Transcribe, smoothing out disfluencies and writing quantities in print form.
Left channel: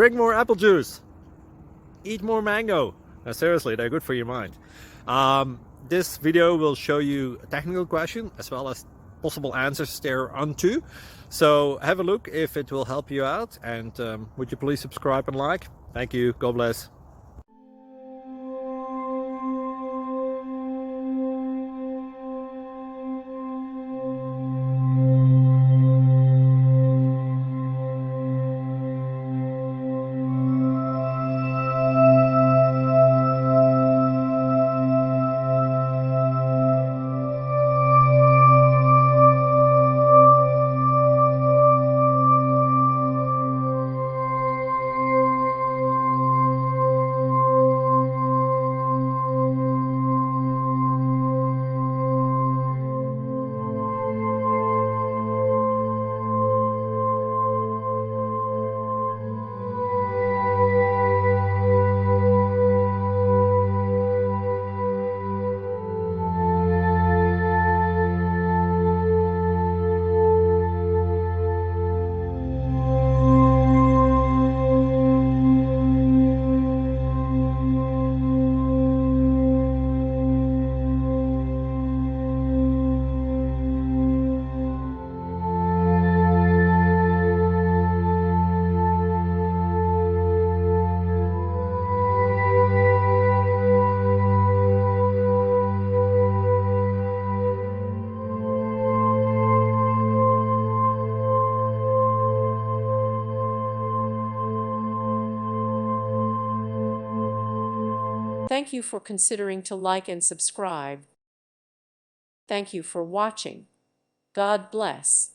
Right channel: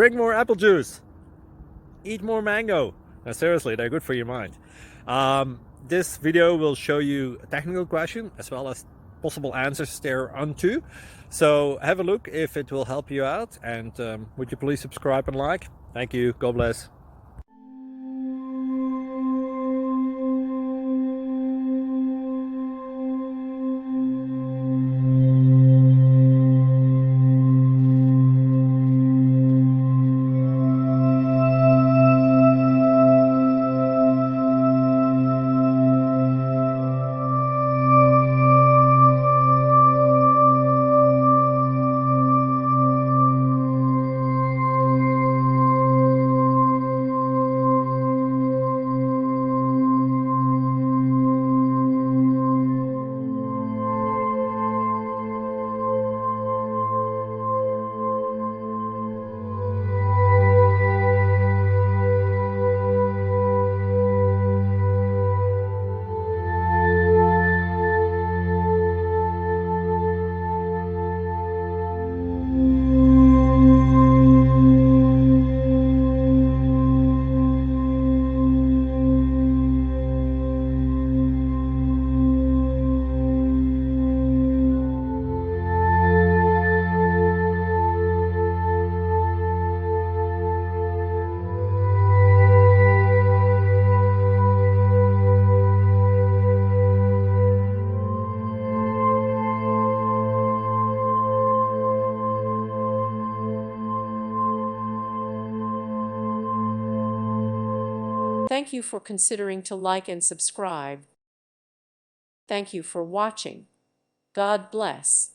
Drink more apple juice. Eat more mango. Now, seriously, they're good for your mind. This video will show you a technical question as well as possible answers thereunto. So have a look if it will help you out, and would you please subscribe and like? Thank you. God bless. Thank you for considering to like and subscribe. Thank you for watching. God bless.